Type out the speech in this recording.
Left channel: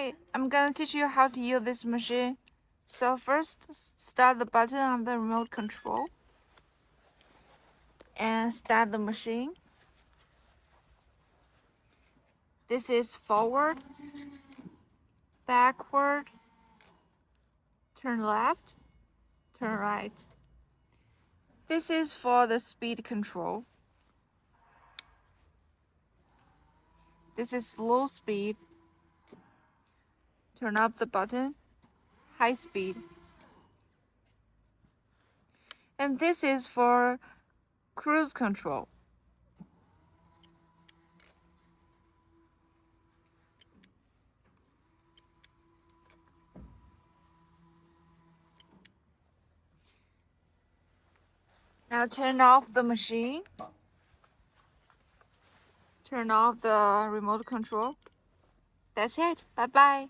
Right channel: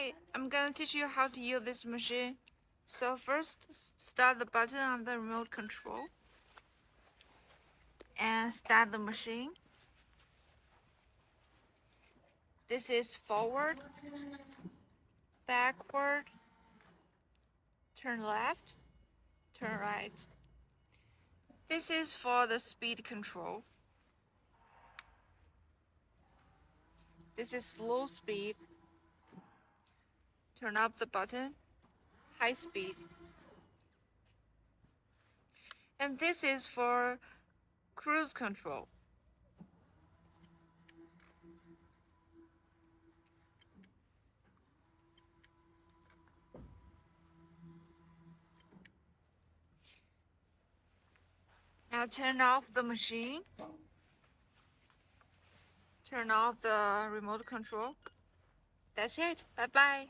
Hi, I'm gonna teach you how to use this machine. So first, start the button on the remote control and start the machine. This is forward, backward, turn left, turn right. This is for the speed control. This is slow speed. Turn up the button, high speed. And this is for cruise control. Now turn off the machine. Turn off the remote control. That's it. Bye-bye.